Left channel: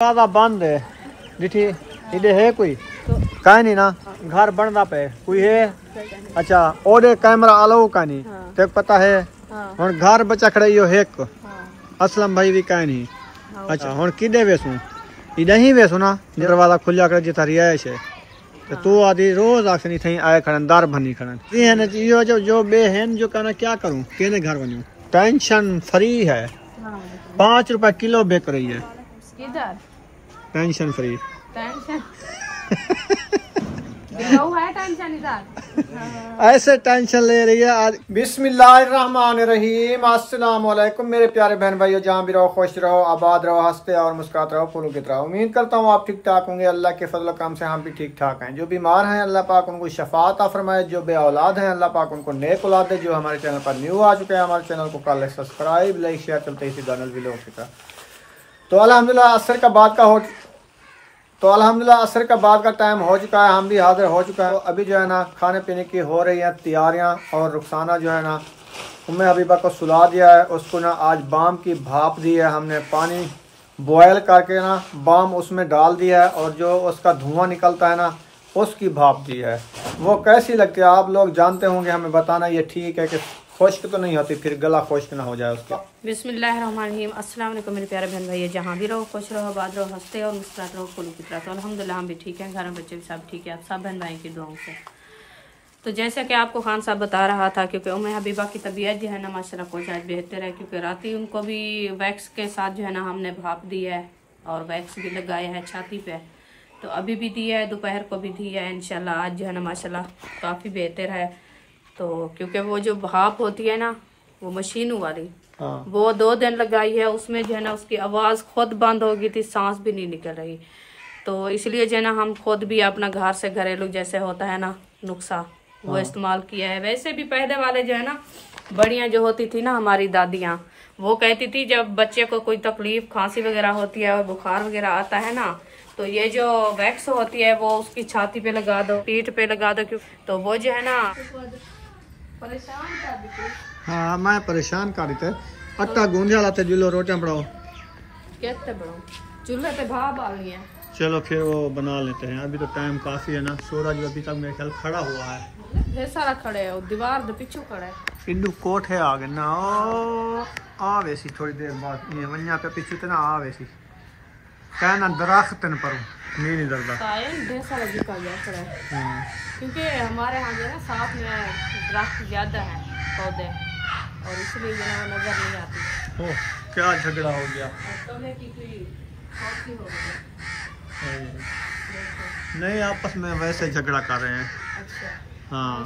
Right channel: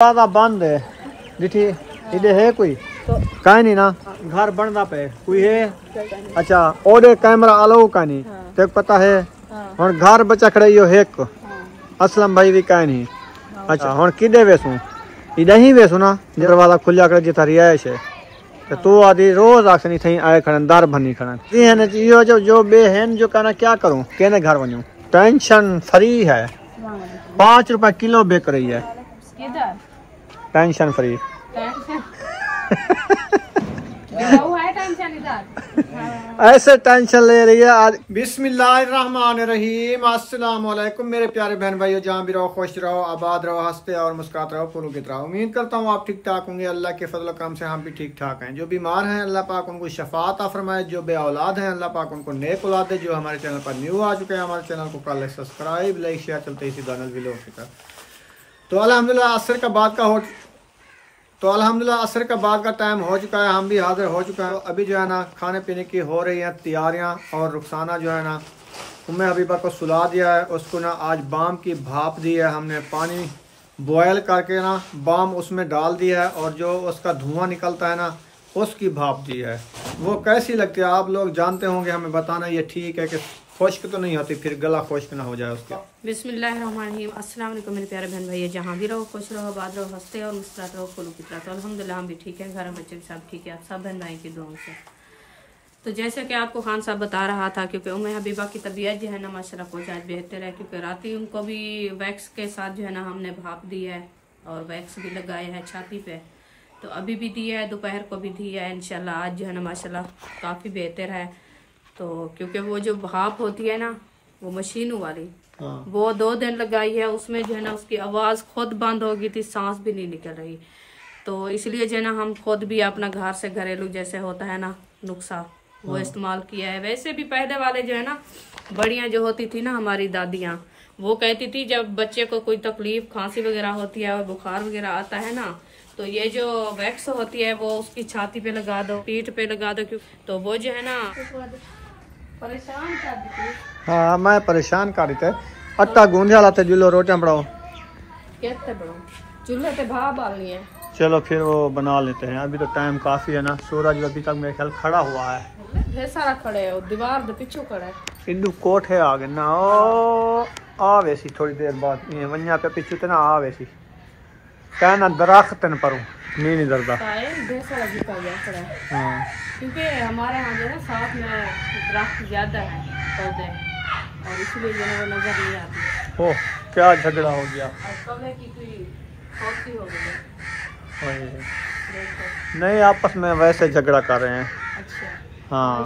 दरवाजा बंद है डिठी इधे है कोई कहीं नहीं ना घर बनना पे कोई है। अच्छा ओडे कैमरा आलो का नहीं ते पता है और घर बचा खड़े यो है को असलम भाई भी कहीं नहीं। अच्छा हुन किदे वेसू इधे ही वेसू ना दरवाजा खुल्या कर जिता रियाश है तो तू आदि रोज आखनी थई आए खड़न दर बनी खड़न ये ने यो जो बे हैं जो कहना क्या करूं केने घर बनूं टेंशन फ्री है 5 रुपए किलो बेच रही है किधर टेंशन फ्री टेंशन है टेंशन इधर ऐसे टेंशन ले रही है आज। बिस्मिल्लाहिर्रहमानिर्रहीम अस्सलाम वालेकुम मेरे प्यारे बहन भाइयों, जहाँ भी रहो खुश रहो आबाद रहो हंसते और मुस्कुराते रहो फूलों की तरह। उम्मीद करता हूँ आप ठीक ठाक होंगे। अल्लाह के फजल काम से हम भी ठीक ठाक हैं। जो बीमार हैं अल्लाह पाक उनको शफात अता फरमाए, जो बे औलाद हैं अल्लाह पाक उनको नेक औलाद दे। जो हमारे चैनल पर न्यू आ चुके हैं हमारे चैनल को कर ले सब्सक्राइब, लाइक शेयर, चलते इसी दानल भी लोग। तो अल्हम्दुलिल्लाह असर का बाद का टाइम हो चुका है, हम भी हाजिर हो चुका है। तो अभी जो है ना खाने पीने की हो रही हैं तैयारियां और रुखसाना जो है ना उम्मे हबीबा को सुला दिया है। उसको ना आज बाम की भाप दी है, हमने पानी बॉयल करके ना बाम उसमें डाल दिया है और जो उसका धुआं निकलता है ना उसकी भाप दी है। वो कैसी लगती है आप लोग जानते होंगे, हमें बताना। ये ठीक है कि खुश्क तो नहीं होती, फिर गला खुश्क ना हो जाए उसका। बिस्मिल्लाहिर्रहमानिर्रहीम अस्सलाम वालेकुम मेरे प्यारे बहन भाई, जहाँ भी रहो खुश रहो आबाद रहो हंसते और मुस्कुराते रहो फूलों की तरह। तो अल्हम्दुलिल्लाह हम भी ठीक हैं, घर में बच्चे भी सब ठीक है, आप सब बहन भाई की दुआओं से। तो जैसा कि आपको खान साहब बता रहा था, क्योंकि उम्मे हबीबा की तबीयत जो है ना माशाल्लाह कुछ आज बेहतर है, क्योंकि रात ही उनको भी वैक्स के साथ जो है ना हमने भाप दी है और वैक्स भी लगाया है छाती पे। तो अभी भी दी है, दोपहर को भी दी है। इंशाल्लाह आज जो है ना माशाल्लाह काफ़ी बेहतर है। तो क्योंकि वो जो भाप होती है ना वो मशीनों वाली वो 2 दिन लगाई है, उसमें जो है ना उसकी आवाज़ खुद बंद हो गई थी, सांस भी नहीं निकल रही। तो इसलिए जो है ना हम खुद भी अपना घर से घरेलू जैसे होता है ना नुस्खा वो इस्तेमाल किया है। वैसे भी पहले वाले जो है ना बड़ियाँ जो होती थी ना हमारी दादियाँ, वो कहती थी जब बच्चे को कोई तकलीफ खांसी वगैरह होती है और बुखार वगैरह आता है ना तो ये जो वैक्स होती है वो उसकी छाती पे लगा दो, पीठ पे लगा दो, क्यों तो वो जो है ना परेशान कर दी। हाँ मैं परेशान कर रही थे। आटा गूंजा लाते जुलो रोटियां बनाओ कैसे बनाओ, चूल्हे पे भाप डालनी है। चलो फिर वो बना लेते हैं। अभी तो टाइम काफी है ना, सूरज अभी तक मेरे ख्याल खड़ा हुआ है। ढेर सारा खड़े है और दीवार दो पीछू खड़ा है। इल्लू कोठे आ गए ना ओ आ वैसी थोड़ी देर बाद ये वन्या पे पीछू ते ना आ वैसी कहना दरख्त न परूं नहीं डरता ढेर सारा जीता गया खड़ा है। क्योंकि हमारे यहाँ जो है साथ में दरख्त ज्यादा है पौधे और इसलिए जो है नजर नहीं आती। ओ क्या झगड़ा हो गया की कोई हो गई नहीं, आपस में वैसे झगड़ा कर रहे हैं। अच्छा हाँ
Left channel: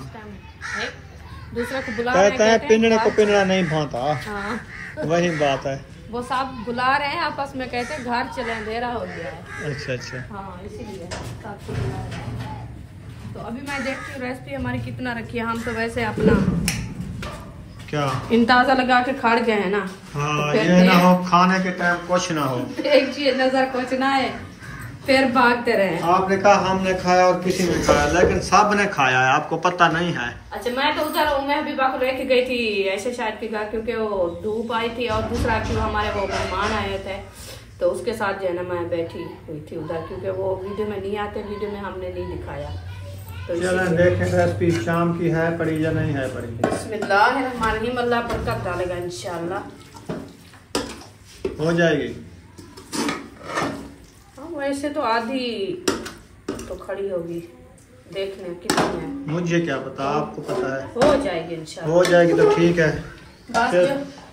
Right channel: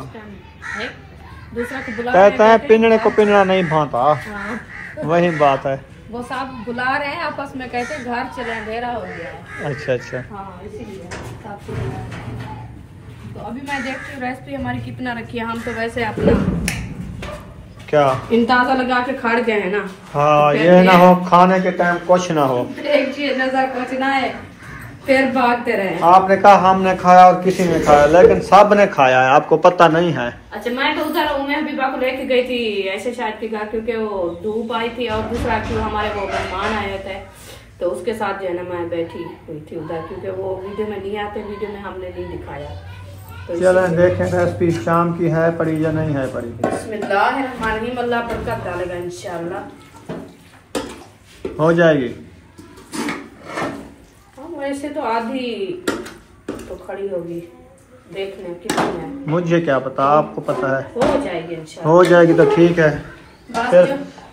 दूसरा को बुला कहते हैं पिंजड़े को पिंजड़ा नहीं भाता। हाँ। वही बात है, वो सब बुला रहे हैं आपस में, कहते हैं घर चले अंधेरा हो गया है। अच्छा अच्छा हाँ इसीलिए तो अभी मैं देखती हूँ रेसिपी हमारी कितना रखी है। हम तो वैसे अपना क्या इंताजा लगा के खड़ गए हैं ना। हाँ ये ना हो खाने के टाइम कुछ ना हो, एक चीज नजर कुछ ना है फिर भागते रहे। आपने कहा हमने खाया और किसी ने खाया, लेकिन सब ने खाया है, आपको पता नहीं है। अच्छा मैं तो उधर मैं हबीबा को लेके गई थी ऐसे शायद के घर, क्योंकि वो धूप आई थी और दूसरा क्यों हमारे वो मेहमान आए थे तो उसके साथ जो है ना मैं बैठी हुई थी उधर, क्योंकि वो वीडियो में नहीं आते, वीडियो में हमने नहीं दिखाया। तो चलो देखें रेसिपी शाम की है पड़ी या नहीं है पड़ी। बिस्मिल्लाहिर्रहमानिर्रहीम, अल्लाह बरकत डालेगा इंशाल्लाह हो जाएगी। वैसे तो आधी तो खड़ी होगी, देखने कितनी है मुझे क्या पता, आपको पता है। हो जाएगी इंशाल्लाह। हो जाएगी तो ठीक है। फिर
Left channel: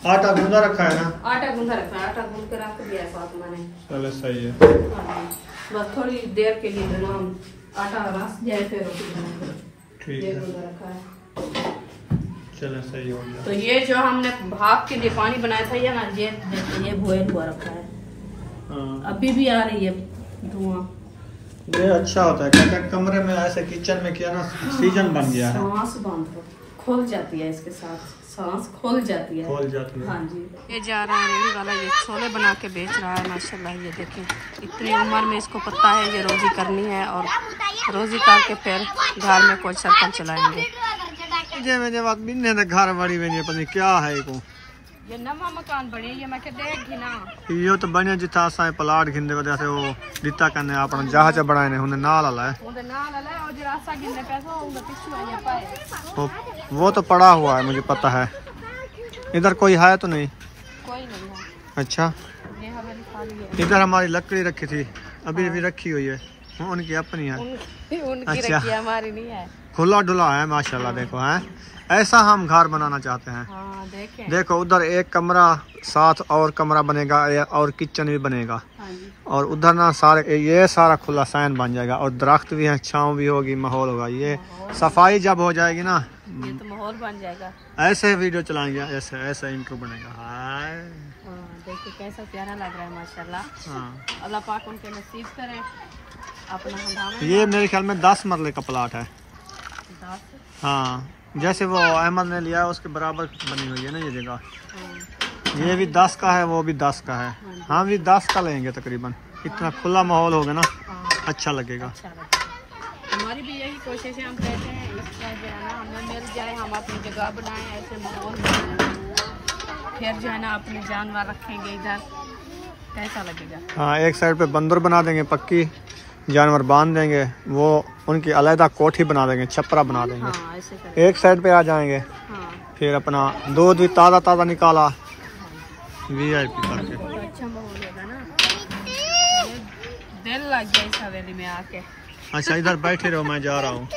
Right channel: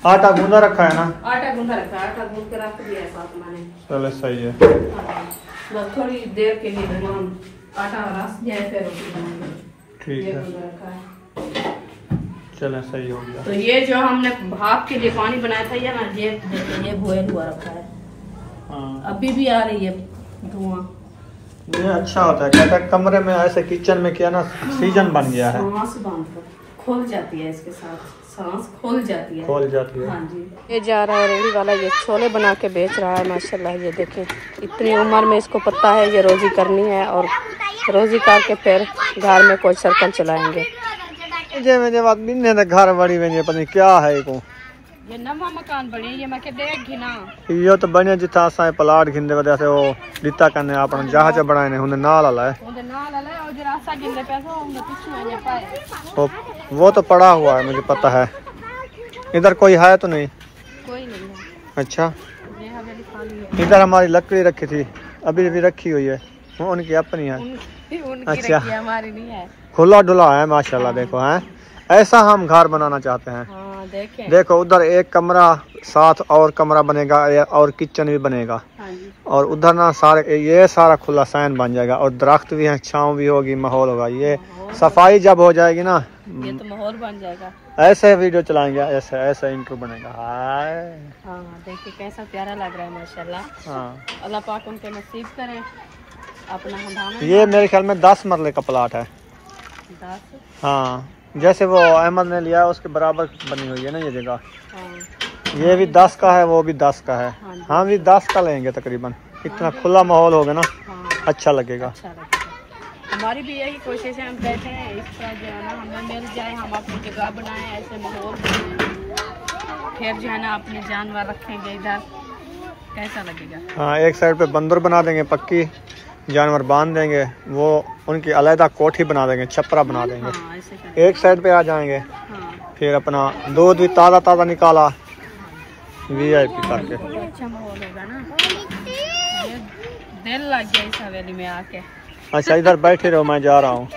आटा गूंदा रखा है ना? आटा गूंदा रखा है, आटा गूंद के रख दिया है साथ मैंने। चलो सही है। बस थोड़ी देर के लिए हम आटा रस जाए फिर रोटी बनाएंगे। ठीक है चलो सही हो गया। तो ये जो हमने भाप के लिए पानी बनाया था ये ना ये बॉयल हुआ रखा है। अभी भी आ रही है धुआं। ये अच्छा होता है, कहता है कमरे में ऐसे किचन में किया ना सीजन बन गया है। सांस बंद खुल जाती है, इसके साथ सांस खुल जाती है। हाँ जी। ये जा रहा है रेडी वाला, ये छोले बना के बेच रहा है माशाल्लाह। ये देखें इतनी उम्र में इसको पता है ये रोजी करनी है और रोजी करके फिर घर में कोई सर्कल चलाएंगे। जब घर बड़ी पता नहीं क्या है को ये नवा मकान बने ये मैं के देख घिना यो तो बने जिथा असा प्लाट घिंदे वजह से वो दिता करने अपन जहाज बनाए ने हुन नाल आला है उनके नाल आला और जरा सा गिंदे पैसा उनका पिछू आने पाए वो तो पड़ा हुआ है मुझे पता है। इधर कोई है तो नहीं? कोई नहीं है। अच्छा ये हमारी खाली है। इधर हमारी लकड़ी रखी थी अभी भी रखी हुई है वो उनकी अपनी है। उनकी अच्छा रखी है हमारी नहीं है। खुला डुला है माशाल्लाह देखो है ऐसा हम घर बनाना चाहते हैं। हाँ, देखो उधर एक कमरा साथ और कमरा बनेगा और किचन भी बनेगा। हाँ जी। और उधर ना सारे ये सारा खुला सैन बन जाएगा और दरख्त भी है छाँव भी होगी माहौल होगा। ये सफाई जब हो जाएगी ना ये तो माहौल बन जाएगा। ऐसे वीडियो चलाएंगे ऐसे ऐसे इंट्रो बनेगा। हाय हाँ देखिए कैसा प्यारा लग रहा है माशाल्लाह। हाँ अल्लाह पाक उनके नसीब करें अपना हंगामा। ये मेरे ख्याल में 10 मरले का प्लाट है। 10 हाँ जैसे वो अहमद ने लिया उसके बराबर बनी हुई है ना ये जगह। हाँ। ये भी 10 का है वो भी 10 का है। हाँ, हम भी 10 का लेंगे तकरीबन। इतना खुला माहौल होगा ना हाँ, अच्छा लगेगा। अच्छा लगेगा। हमारी भी यही कोशिश है हम कहते हैं इस तरह जो है ना हमें मिल जाए हम अपनी जगह बनाएं ऐसे माहौल बनाएं फिर जो है ना अपने जानवर रखेंगे इधर कैसा लगेगा। हाँ एक साइड पे बंदर बना देंगे पक्की जानवर बांध देंगे वो उनकी अलहदा कोठी बना देंगे छपरा बना देंगे। हाँ, ऐसे करें। एक साइड पे आ जाएंगे। हाँ। फिर अपना दूध भी ताज़ा ताज़ा निकाला VIP करके। तो अच्छा माहौल होगा ना ये दिल लग गया इस हवेली में आके। अच्छा इधर बैठे रहो मैं जा रहा हूँ।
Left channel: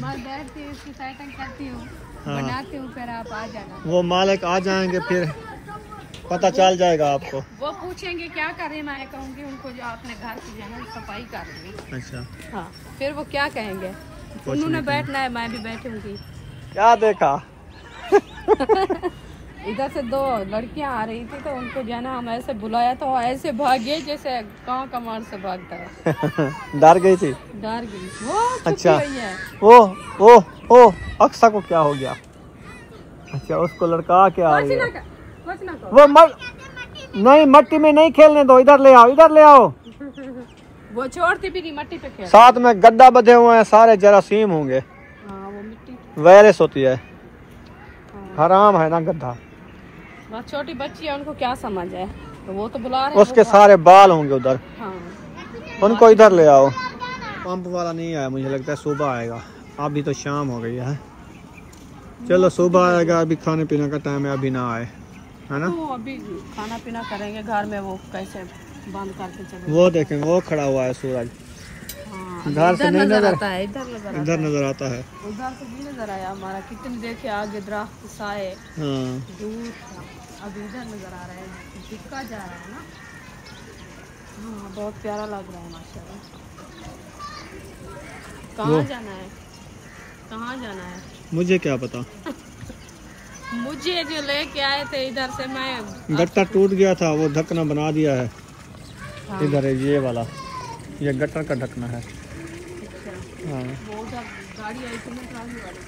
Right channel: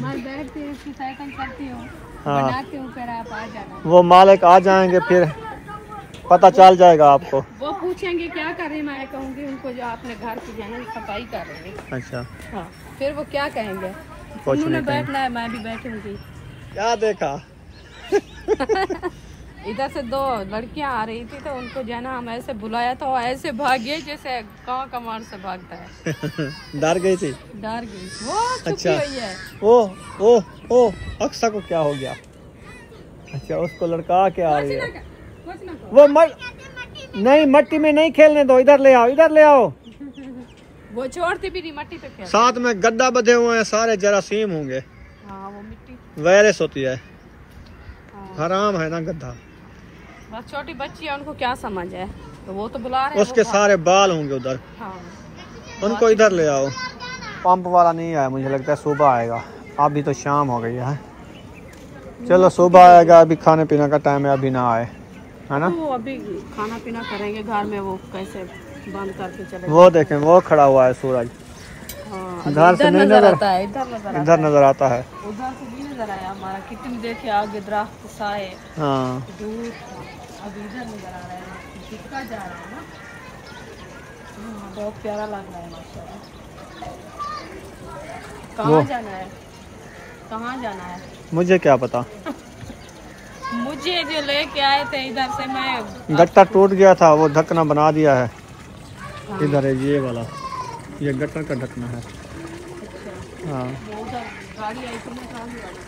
मैं बैठती हूँ इसकी सेटिंग करती हूँ हाँ। बनाती हूँ फिर आप आ जाना। वो मालिक आ जाएंगे फिर पता चल जाएगा आपको। वो पूछेंगे क्या कर रहे हैं मैं कहूँगी उनको जो आपने घर की जाना सफाई कर रहे हैं। अच्छा हाँ फिर वो क्या कहेंगे कुछ उन्होंने नहीं बैठना है मैं भी बैठूंगी। क्या देखा इधर से 2 लड़कियां आ रही थी तो उनको जाना हम ऐसे बुलाया तो ऐसे भागे जैसे गाँव का मार से भागता है। डर गई थी? डर गई वो छुपी अच्छा हुई है। ओ अक्सा को क्या हो गया? अच्छा उसको लड़का क्या आ गया? वो नहीं मट्टी में नहीं खेलने दो इधर ले आओ। वो छोड़ती भी नहीं मट्टी पे खेल। साथ में गड्ढा बधे हुए हैं सारे जरासीम होंगे। हाँ वो मिट्टी वायरस होती है। हाँ। हराम है ना गड्ढा। बस छोटी बच्ची है उनको क्या समझ है तो वो तो बुला रहे हैं। उसके सारे बाल होंगे उधर। हाँ। उनको इधर ले आओ। पंप वाला नहीं आया मुझे लगता है सुबह आएगा अभी तो शाम हो गई है। चलो सुबह आएगा अभी खाने पीने का टाइम है अभी ना आए है ना। वो अभी खाना पीना करेंगे घर में वो कैसे बंद करके चले। वो देखें वो खड़ा हुआ है सूरज। हाँ, इधर से नहीं नजर आता है इधर नजर आता है। उधर से भी नजर आया हमारा कितनी देखे आगे दरख्त साए हाँ दूर अभी इधर नजर आ रहा है दिखा जा रहा है ना। हाँ बहुत प्यारा लग रहा है माशाल्लाह। कहाँ जाना है मुझे क्या पता। मुझे जो लेके आए थे इधर से मैं गट्टा टूट गया था वो ढकना बना दिया है। हाँ। इधर है ये वाला ये गटर का ढकना है। अच्छा हाँ वो उधर गाड़ी आई थी ना खाली गाड़ी।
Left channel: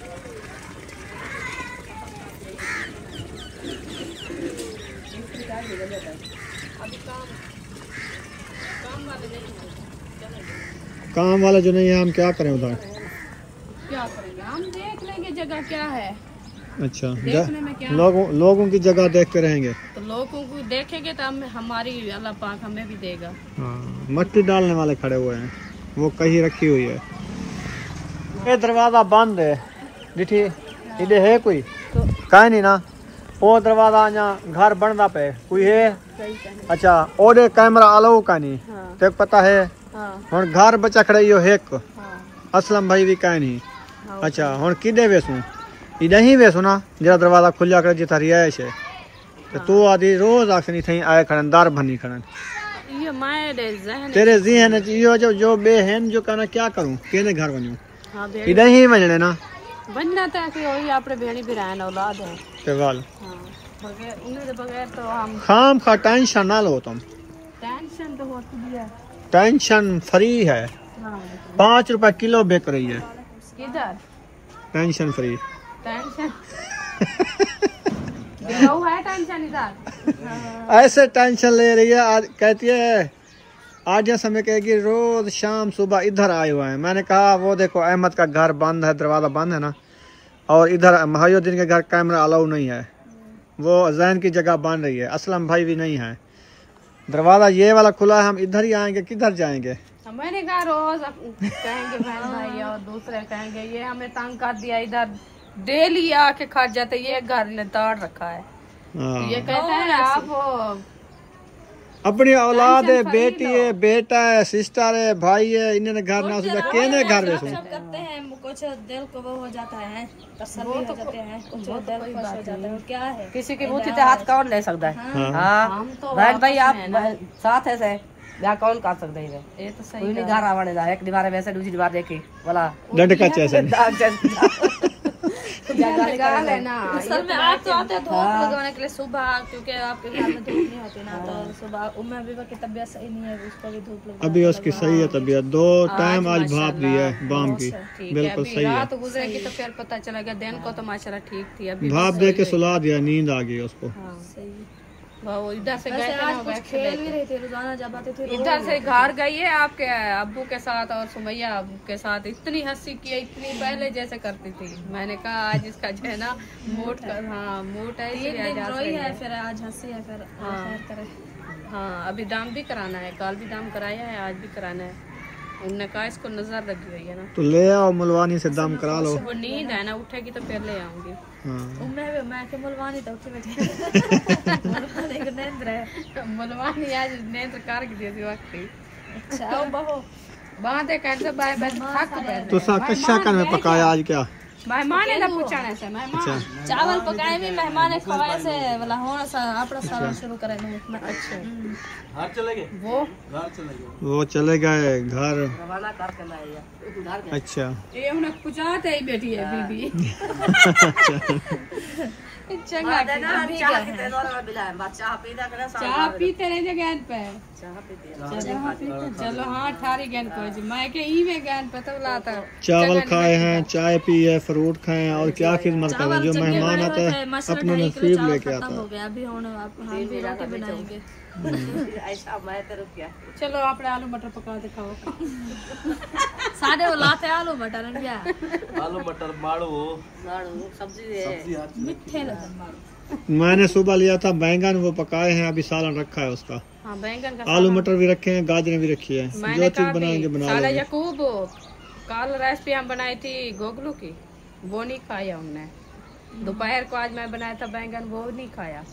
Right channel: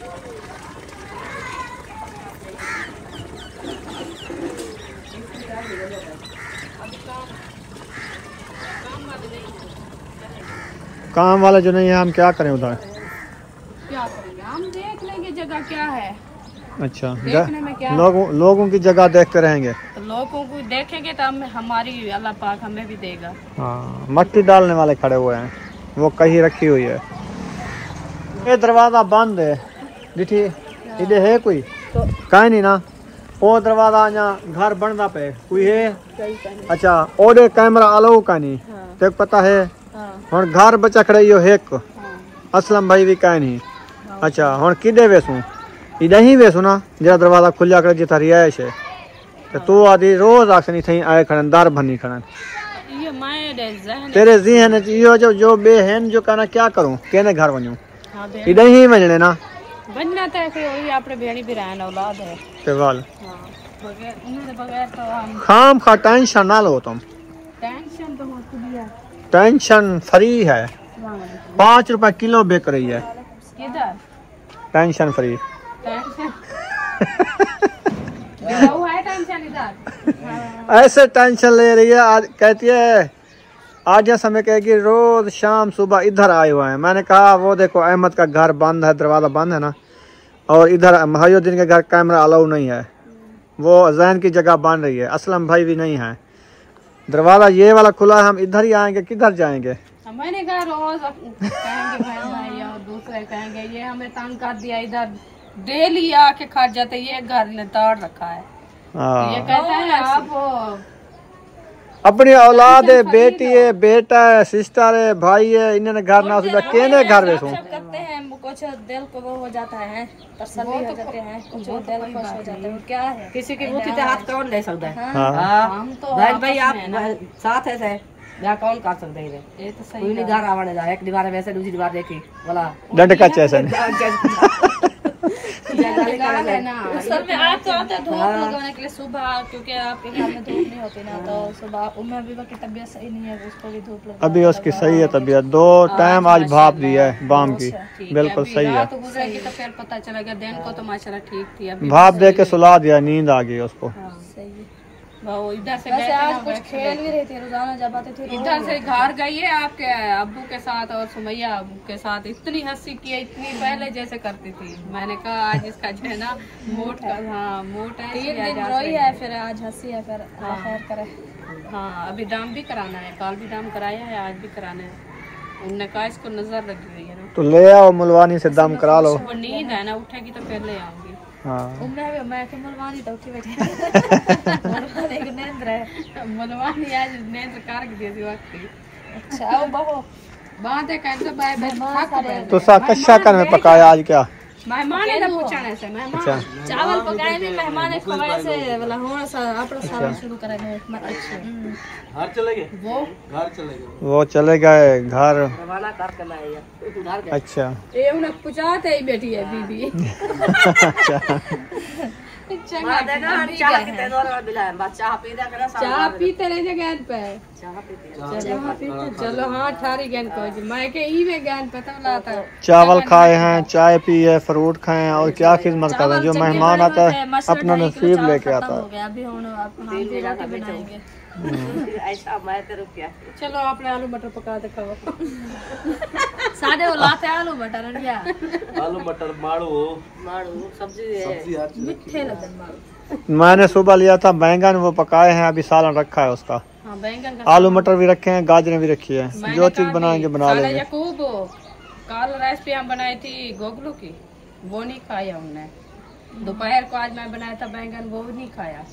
काम वाले जो नहीं है हम क्या करें उधर? क्या करेंगे हम देख लेंगे जगह क्या है। अच्छा देखने में क्या लोगों की जगह देखते रहेंगे तो लोगों को देखेंगे तो हमारी अल्लाह पाक हमें भी देगा। हाँ मट्टी डालने वाले खड़े हुए हैं वो कहीं रखी हुई है। ये दरवाजा बंद है डिठी इधर है कोई तो कहीं नहीं ना वो दरवाजा यहाँ घर बनना पे कोई है। अच्छा ओडे कैमरा आलो का नहीं हाँ। ते पता है हाँ। हुन घर बचा खड़े यो है को हाँ। असलम भाई भी कहीं नहीं। हाँ। अच्छा हुन किदे वेसू इधर ही वेसू ना जरा दरवाजा खुला कर जिता रिहाइश है तो तू आदि रोज आखनी थी आए खड़न दर भनी खड़न ये माय ज़हन तेरे ज़हन यो जो बेहन जो कहना क्या करूं केने घर वणूं। हाँ इधर ही वजने ना बनना तो कोई वही आपने भेड़ी भी रहना औलाद है। ते वाल हाँ बगैर उन्हें बगैर तो हम खाम खा टेंशन ना लो तुम। टेंशन तो होती भी है। टेंशन फ्री है 5 रुपए किलो बिक रही है। किधर टेंशन फ्री टेंशन है टेंशन इधर। हाँ। ऐसे टेंशन ले रही है आज कहती है आज समय कहेगी रोज शाम सुबह इधर आए हुए हैं। मैंने कहा वो देखो अहमद का घर बंद है दरवाजा बंद है ना और इधर महायुद्दीन के घर कैमरा अलाउ नहीं है वो जैन की जगह बन रही है। असलम भाई भी नहीं है। दरवाजा ये वाला खुला है, हम इधर ही आएंगे, किधर जाएंगे? मैंने कहा रोज कहेंगे भाई और दूसरे कहेंगे ये हमें तंग कर दिया, इधर डेली आके खट जाते, ये घर ने तोड़ रखा है। ये कहते हैं आप अपनी औलाद है, बेटी है, बेटा है, सिस्टर है, भाई है, इन्होंने घर ना सुधा केने घर में करते हैं, कुछ दिल को वो हो जाता है, तसल्ली हो जाते हैं, कुछ दिल खुश हो जाता है। क्या है किसी की बूटी ते हाथ कौन ले सकता है? हम तो भाई आप साथ है से या कौन कर सकते हैं? ये तो सही है। घर आवाने जा, एक दीवार वैसे दूसरी दीवार देखी वाला डंड का चैसा है ना। असल में आप तो आते धूप लगाने के लिए सुबह, क्योंकि आपके घर में धूप नहीं होती ना, तो सुबह उम्र अभी की तबीयत सही नहीं है, उसको भी धूप लगा। अभी उसकी सही है तबीयत, 2 टाइम आज भाप दी है बाम की, बिल्कुल सही है। रात गुजरेगी तो फिर पता चलेगा, दिन को तो माशाल्लाह ठीक थी। अभी भाप दे के सुला दिया, नींद आ गई उसको। सही है। वो इधर से वैसे गए थे आज ना, कुछ खेल भी रही थी, रोजाना जब आते थे इधर से घर गई है आपके अब्बू के साथ और सुमैया के साथ, इतनी हंसी की है, इतनी पहले जैसे करती थी। मैंने कहा आज इसका जो है ना मूड का, हाँ मूड है, 3 दिन रोई है, फिर आज हंसी है, फिर खैर करे। हाँ अभी दाम भी कराना है, कल भी दाम कराया है, आज भी कराना है। उनने कहा इसको नजर लगी हुई है ना, तो ले आओ मुलवानी से दम करा लो। वो नींद है ना, उठेगी तो फिर ले आऊंगी। हाँ मैं के मुलवानी तो उठी बैठी मुलवानी को नींद रहे, मुलवानी आज नींद कर दी थी वक्त ही। अच्छा बहु बातें कैसे बाय बाय थक गए। तो सा कच्चा कर में पकाया आज क्या? मेहमान है ना पूछने से, मेहमान चावल पकाए नहीं, मेहमान है खवाए से वाला होना सा अपना सारा शुरू करेंगे। अच्छा घर चले गए, वो चले गए घर। अच्छा ये उन्हें पूछाते ही बैठी है बीबी। चंगा चाह पीते रहे गैन पे, चलो हाँ ठारी गैन को मैं के ई गैन पे तो लाता। चावल खाए हैं, चाय पी है, फ्रूट खाए हैं, और क्या खिदमत कर रहे हैं। जो मेहमान आता है अपना नसीब लेके आता है। अभी हम भी रोटी बनाएंगे। चलो अपने आलू मटर पका दे खाओ। सादे वो लाते आलू मटर आलू मटर माड़ू सब्जी मीठे लगन माड़ू। मैंने सुबह लिया था बैंगन, वो पकाए हैं, अभी सालन रखा है उसका। हाँ, बैंगन का आलू मटर भी रखे हैं, गाजरें भी रखी है, जो चीज बनाएंगे बना लेंगे। यकूब कल रेसिपी हम बनाई थी गोगलू की, वो नहीं खाया उनने। दोपहर को आज मैं बनाया था बैंगन, वो नहीं खाया।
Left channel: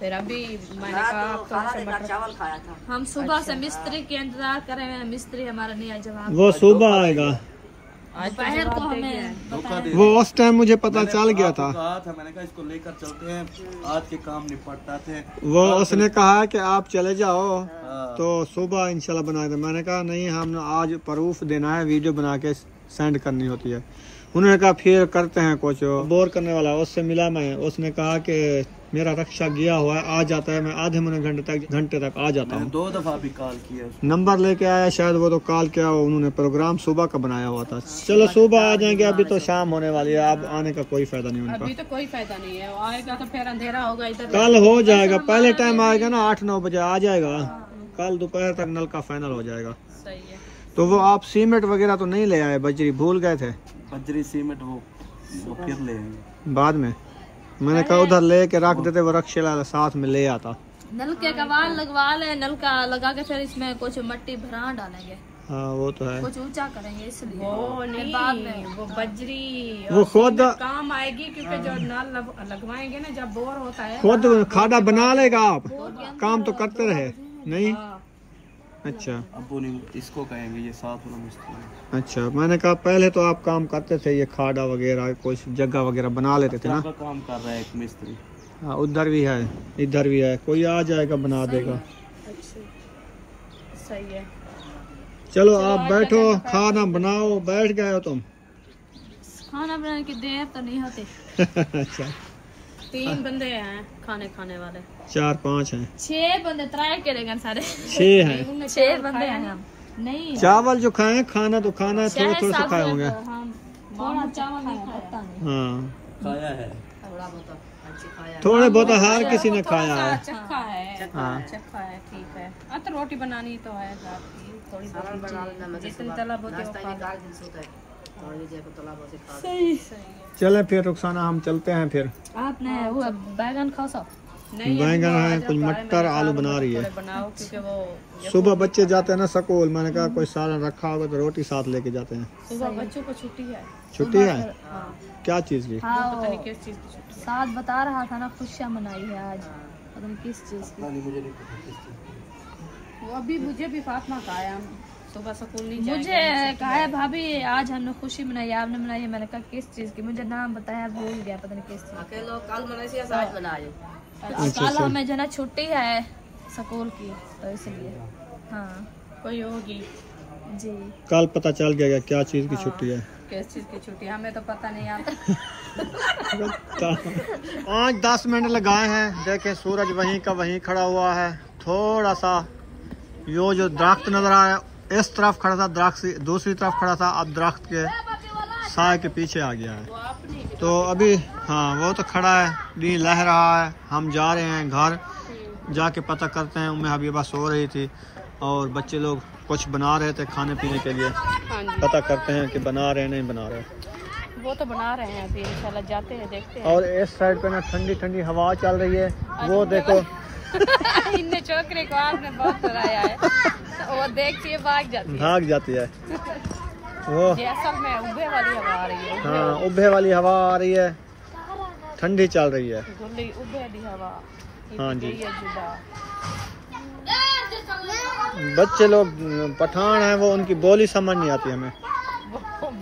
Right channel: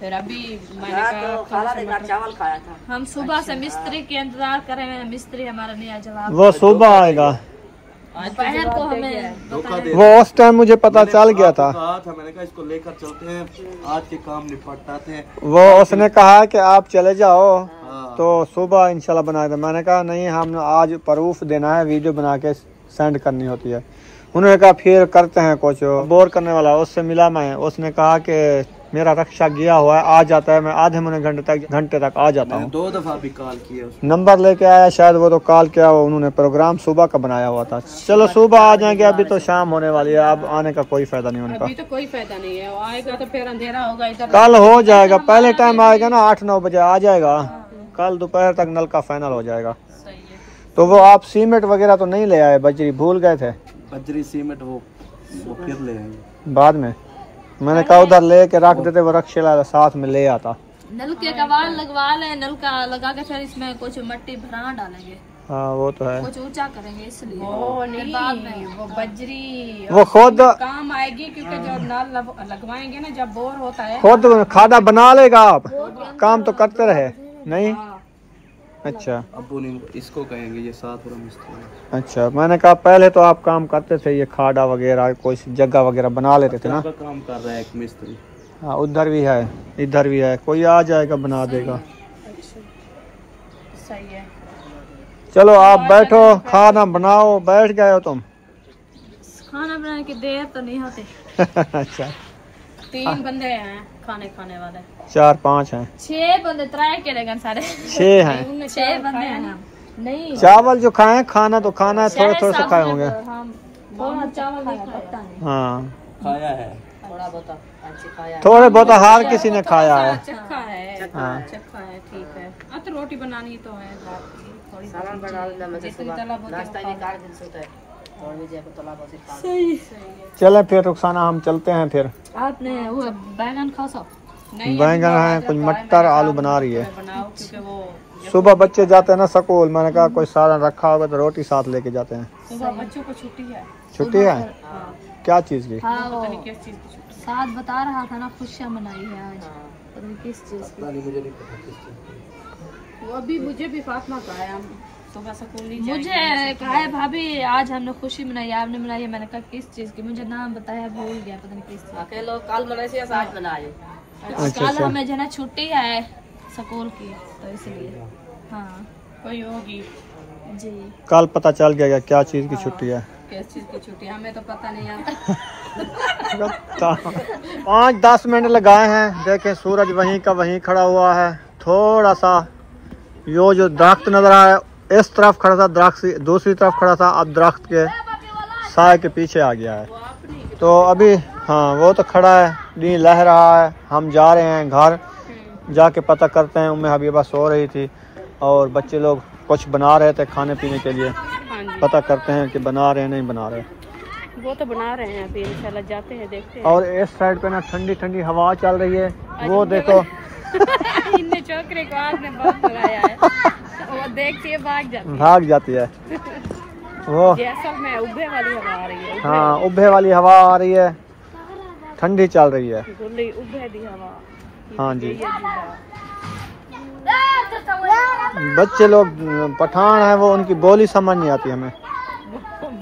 फिर अभी मैंने कहा थोड़ा सा मटर चावल खाया था। हम सुबह से मिस्त्री के इंतजार कर रहे हैं, मिस्त्री हमारा नहीं आया जवाब। वो सुबह आएगा, दोपहर को हमें वो उस टाइम मुझे पता चल गया था। मैंने कहा इसको लेकर चलते हैं, आज के काम निपटाते हैं। वो उसने कहा कि आप चले जाओ, तो सुबह इंशाल्लाह बनाए थे। मैंने कहा नहीं, हम आज प्रूफ देना है, वीडियो बना के सेंड करनी होती है। उन्होंने कहा फिर करते हैं, कुछ बोर करने वाला। उससे मिला मैं, उसने कहा कि मेरा रक्षा गया हुआ है, आ जाता है, मैं आधे मुने घंटे तक आ जाता हूँ। 2 दफा भी कॉल किया, नंबर लेके आया शायद, वो तो कॉल किया, उन्होंने प्रोग्राम सुबह का बनाया हुआ था। चलो सुबह आ जाएंगे, अभी तो शाम होने वाली है, अब आने का कोई फायदा नहीं उनका। अभी तो कोई फायदा नहीं है, आएगा तो फिर अंधेरा होगा इधर। कल हो जाएगा, पहले टाइम आएगा ना 8-9 बजे आ जाएगा, कल दोपहर तक नल का फाइनल हो जाएगा। सही है। तो वो आप सीमेंट वगैरह तो नहीं ले आए, बजरी भूल गए थे? बजरी सीमेंट वो फिर ले आएंगे बाद में। मैंने कहा उधर ले के रख देते, वो रक्षेला साथ में ले आता। नलके का वाल लगवा ले, नलका लगा के फिर इसमें कुछ मट्टी भरा डालेंगे। हाँ वो तो है, कुछ ऊंचा करेंगे इसलिए। वो नहीं, बाद में वो बजरी वो खुद काम आएगी, क्योंकि जो नल लगवाएंगे ना जब बोर होता है, खुद खादा बना लेगा। आप काम तो करते रहे नहीं? अच्छा अब्बू ने इसको कहेंगे, ये साथ वाला मिस्त्री। अच्छा, मैंने कहा पहले तो आप काम करते थे, ये खाड़ा वगैरह कोई जगह वगैरह बना लेते थे ना। काम कर रहा है एक मिस्त्री। हाँ उधर भी है, इधर भी है, कोई आ जाएगा बना देगा। अच्छा सही है। चलो आप बैठो, खाना बनाओ। बैठ गए हो तुम? खाना बनाने की देर तो नहीं होती। अच्छा 3 बंदे हैं खाने वाले। 4-5 हैं। 6 बंदे, 3 के रहेंगे सारे। 6 हैं। 6 बंदे हैं हम। नहीं चावल जो खाए, खाना तो खाना है, थोड़े थोड़े से खाए होंगे। हम चावल नहीं पकता नहीं। हाँ खाया है थोड़ा बहुत खाया। थोड़े बहुत हर किसी ने खाया है। चक्का है, हाँ चक्का है, ठीक है। अब तो रोटी बनानी तो है, थोड़ी जितनी तलब होती है। चले फिर रुखसाना हम चलते हैं फिर। आपने वो बैंगन खा सा बैंगन है, कुछ मटर आलू बना रही है। बनाओ क्योंकि वो सुबह बच्चे जाते हैं ना स्कूल, मैंने कहा कोई सालन रखा होगा तो रोटी साथ लेके जाते हैं। सुबह बच्चों को छुट्टी है। छुट्टी है? क्या चीज की? हाँ वो पता नहीं किस चीज की छुट्टी। साथ बता रहा था ना, खुशियाँ मनाई है आज, पता नहीं किस चीज की। वो अभी मुझे भी फातिमा का है, हम सुबह स्कूल नहीं जाएंगे। मुझे कहा है भाभी आज हमने खुशी मनाई, आपने मनाई है। मैंने कहा किस चीज की, मुझे नाम बताया, भूल गया, पता नहीं किस चीज। लोग कल मनाए से आज मनाए। कल हमें जो है छुट्टी है स्कूल की, तो इसलिए हाँ कोई होगी जी। कल पता चल गया क्या चीज की छुट्टी है। किस चीज की छुट्टी, हमें तो पता नहीं आता। 5-10 मिनट लगाए हैं। देखें सूरज वहीं का वहीं खड़ा हुआ है। थोड़ा सा यो जो दरख्त नजर आ रहा है इस तरफ खड़ा था, दरख्त से दूसरी तरफ खड़ा था, अब दरख्त के साए के पीछे आ गया है। तो अभी हाँ वो तो खड़ा है, नी लह रहा है। हम जा रहे हैं घर, जाके पता करते हैं। उम्मे हबीबा सो रही थी और बच्चे लोग कुछ बना रहे थे खाने पीने के लिए। पता करते हैं कि बना रहे हैं नहीं बना रहे। वो तो बना रहे हैं, अभी इंशाल्लाह जाते हैं देखते हैं। और इस साइड पे ना ठंडी ठंडी हवा चल रही है। वो देखो इनने छोकरे को आपने बहुत बुलाया है, वो देखती है भाग जाती है। वो असल में उब्बे वाली हवा आ रही है। हाँ उब्बे वाली हवा आ रही है, ठंडी चल रही है। उब्बे दी हवा। हाँ जी। बच्चे लोग पठान है, वो उनकी बोली समझ नहीं आती हमें।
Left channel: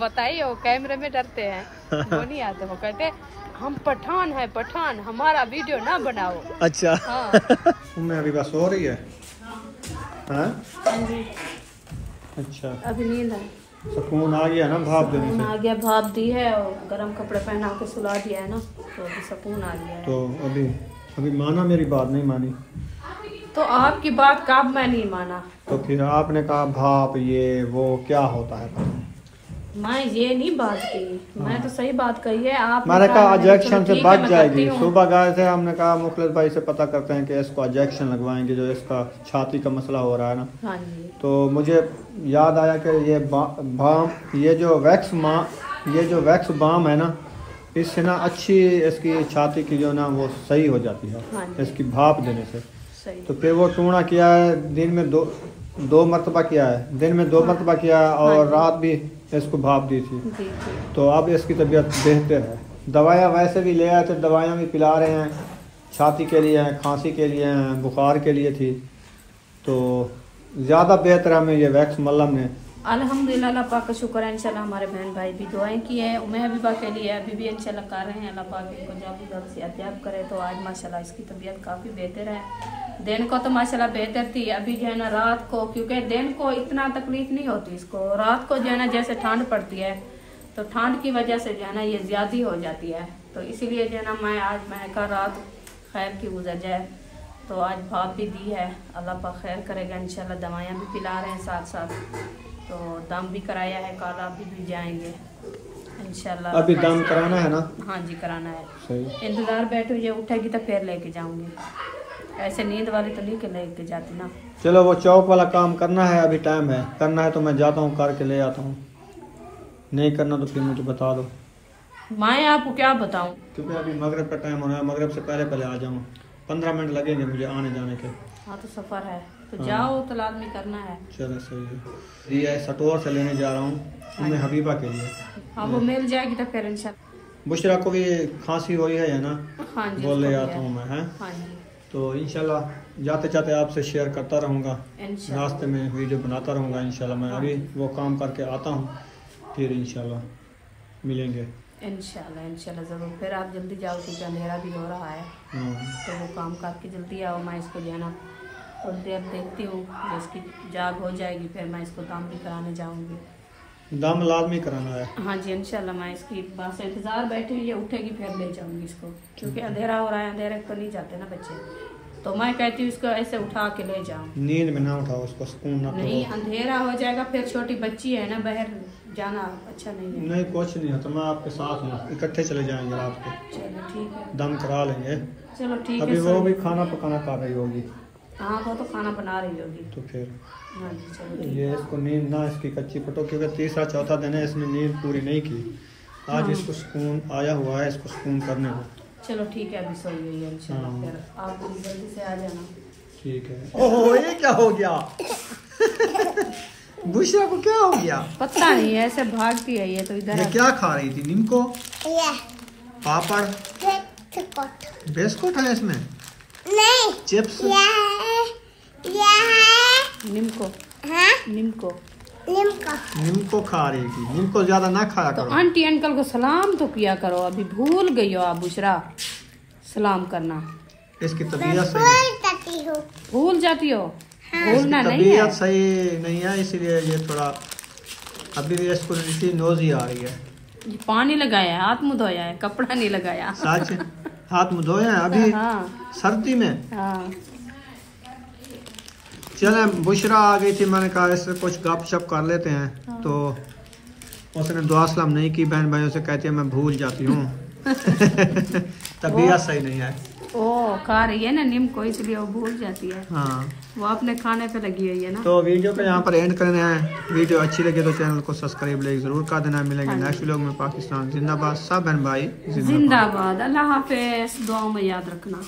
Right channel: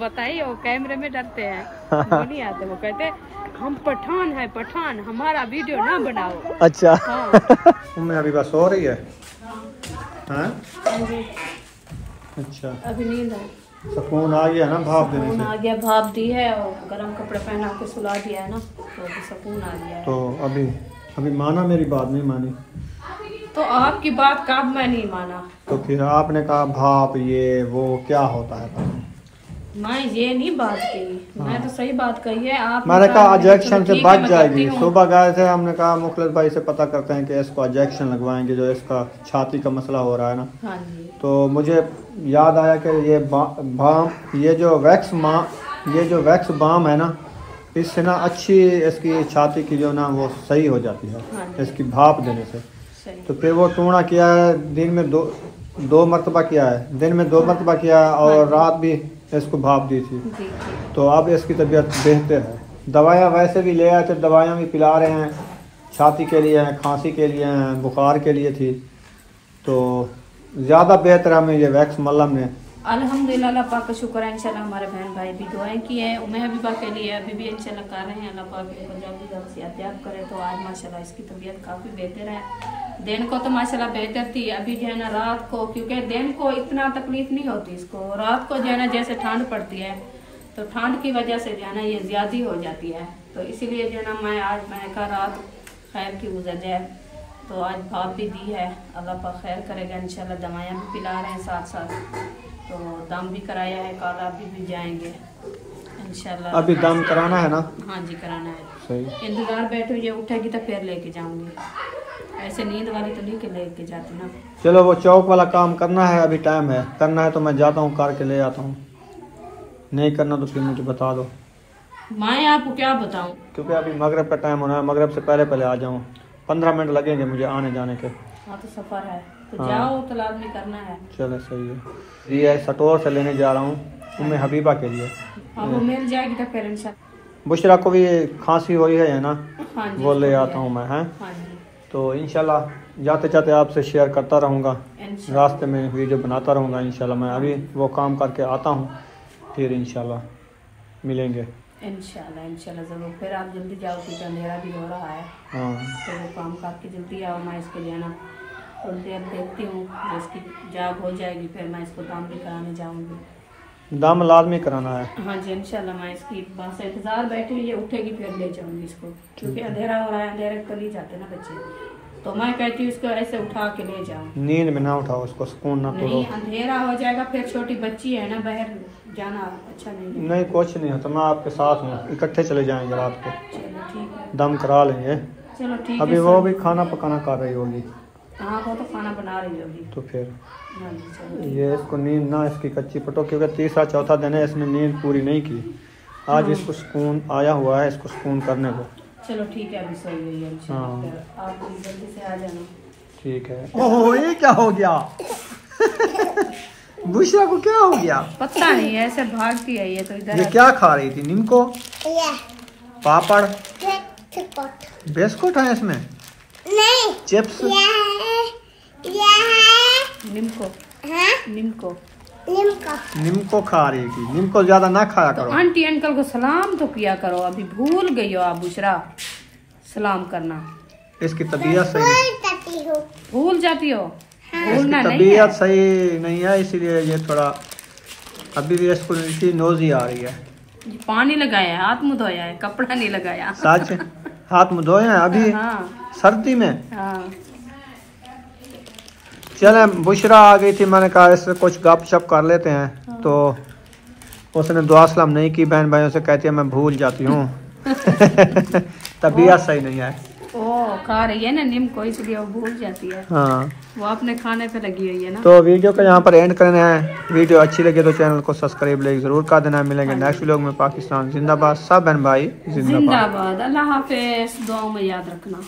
बताइए, वो कैमरे में डरते हैं, वो नहीं आते। वो कहते हम पठान है, पठान, हमारा वीडियो ना बनाओ। अच्छा हाँ। तुमने अभी बस सो रही है? हाँ? अच्छा अभी नींद है, सुकून आ गया ना भाप देने सुकून से? आ गया, भाप दी है और गर्म कपड़े पहना के सुला दिया है ना, तो अभी सुकून आ गया है। तो अभी माना मेरी बात नहीं मानी? तो आपकी बात कब मैं नहीं माना? तो फिर आपने कहा भाप ये वो क्या होता है? मैं ये नहीं बात की, मैं तो सही बात कही है। आप मैंने कहा इंजेक्शन से बच जाएगी। सुबह गए थे, हमने कहा मुखलिस भाई से पता करते हैं कि इसको इंजेक्शन लगवाएंगे, जो इसका छाती का मसला हो रहा है ना। हाँ जी। तो मुझे याद आया कि ये जो वैक्स बाम है ना, इससे ना अच्छी इसकी छाती की जो ना वो सही हो जाती है। हाँ जी। इसकी भाप देने से। सही। तो फिर वो टूणा किया है, दिन में दो मरतबा किया है, दिन में 2 मरतबा किया और रात भी इसको भाप दी थी। जी। तो अब इसकी तबीयत बेहतर है। दवाइयाँ वैसे भी ले आए थे, दवाइयाँ भी पिला रहे हैं, छाती के लिए हैं, खांसी के लिए हैं, बुखार के लिए थी। तो ज़्यादा बेहतर हमें ये वैक्स मलम ने। अल्हम्दुलिल्लाह, अल्लाह पाक का शुक्र है। इंशाल्लाह हमारे बहन भाई भी दुआएं की है, उम्मे हबीबा के लिए अभी भी इंशाल्लाह कर रहे हैं। अल्लाह पाक इनको जो भी गलत याद करे। तो आज माशाल्लाह इसकी तबीयत काफ़ी बेहतर है। दिन को तो माशाल्लाह बेहतर थी, अभी जो है ना रात को, क्योंकि दिन को इतना तकलीफ नहीं होती इसको, रात को जो है ना जैसे ठंड पड़ती है तो ठंड की वजह से जो है ना ये ज़्यादा हो जाती है। तो इसीलिए जो है ना मैं कहा रात खैर की गुजर जाए। तो आज भाप भी दी है, अल्लाह पाक खैर करेगा इंशाल्लाह। दवाइयाँ भी पिला रहे हैं साथ साथ, तो दम भी कराया है, कल अभी भी जाएंगे इंशाल्लाह। अभी दम कराना है ना? हाँ जी कराना है। सही। इंतज़ार बैठो, ये उठेगी तो फिर लेके जाऊंगी, ऐसे नींद वाली तो नहीं के लेके जाती ना। चलो वो चौक वाला काम करना है, अभी टाइम है, करना है तो मैं जाता हूँ, करके ले आता हूँ। नहीं करना तो फिर मुझे बता दो। मैं आपको क्या बताऊं, क्योंकि अभी मगरब का टाइम होना है, मगरब से पहले आ जाऊँ। 15 मिनट लगेंगे मुझे आने जाने के। हाँ तो सफ़र है तो हाँ। जाओ, तो लाजमी करना है। चलो सही है। ये सटोर से लेने जा रहा हूँ उम्मे हबीबा के लिए। हाँ वो मिल जाएगी तो फिर इंशाल्लाह। बुशरा को भी खांसी हुई है ना? हाँ जी, वो ले आता हूँ मैं। हैं हाँ जी तो इंशाल्लाह जाते जाते आपसे शेयर करता रहूँगा, इंशाल्लाह। रास्ते में वीडियो बनाता रहूँगा इंशाल्लाह। मैं अभी वो काम करके आता हूँ, फिर इंशाल्लाह मिलेंगे। इंशाल्लाह ज़रूर। फिर आप जल्दी जाओ क्योंकि अंधेरा भी हो रहा है। हाँ तो वो काम करके जल्दी आओ। मैं इसको जाना और देर देखती हूँ, जो इसकी जाग हो जाएगी फिर मैं इसको दम भी कराने जाऊँगी। दम लाजमी कराना है। हाँ जी इंशाल्लाह। मैं इसकी बस इंतज़ार बैठी हुई है, उठेगी फिर ले जाऊँगी इसको, क्योंकि अंधेरा हो रहा है, अंधेरे कर ही जाते ना बच्चे। तो मैं कहती हूँ इसको ऐसे उठा के ले जाऊँ। नींद में ना उठाओ उसको, सुकून ना नहीं, करो। अंधेरा हो जाएगा, फिर छोटी बच्ची है ना, बाहर जाना अच्छा नहीं है। नहीं कुछ नहीं होता, मैं आपके साथ हूँ, इकट्ठे चले जाएंगे रात को, चलो ठीक है, दम करा लेंगे। चलो ठीक है। अभी वो भी खाना पकाना कर रही होगी। हाँ वो तो खाना बना रही होगी। तो फिर हाँ जी चलो। ये इसको नींद ना इसकी कच्ची पटो, क्योंकि तीसरा चौथा दिन है, इसने नींद पूरी नहीं की। आज इसको सुकून आया हुआ है, इसको सुकून करने को। चलो ठीक है, अभी सोई हुई है इंशाल्लाह, फिर आप जल्दी से आ जाना। ठीक है। ओह ये क्या हो गया? बुशरा को क्या हो गया? पता नहीं, ऐसे भागती है ये तो इधर। ये क्या खा रही थी? नीमको, पापड़, बिस्कुट है इसमें? नहीं, चिप्स, निम्को। निम्को निम्को खा रही थी। निम्को ज्यादा ना खाया तो करो। आंटी अंकल को सलाम तो किया करो, अभी भूल गई हो आप बुशरा सलाम करना। इसकी तबीयत सही, भूल जाती हो? भूलना नहीं तबीयत है। सही नहीं है, इसीलिए ये थोड़ा अभी भी इसको नोजी आ रही है। पानी लगाया है, हाथ मुँह धोया है, कपड़ा नहीं लगाया। सच? हाथ मुँह धोए हैं अभी? हाँ सर्दी में? हाँ। चले, बुशरा आ गई थी, मैंने कहा इससे कुछ गप शप कर लेते हैं। हाँ। तो उसने दुआ सलाम नहीं की, बहन भाइयों से कहती है मैं भूल जाती हूँ। तबीयत सही नहीं है। ओ खा रही है ना नीम को, इसलिए वो भूल जाती है। हाँ वो अपने खाने पे लगी हुई है ना। तो वीडियो को यहाँ पर एंड करना है। वीडियो अच्छी लगे तो चैनल को सब्सक्राइब जरूर कर देना। मिलेंगे नेक्स्ट व्लॉग में। पाकिस्तान जिंदाबाद, सब बहन भाई जिंदाबाद। अल्लाह हाफिज, दुआ में याद रखना।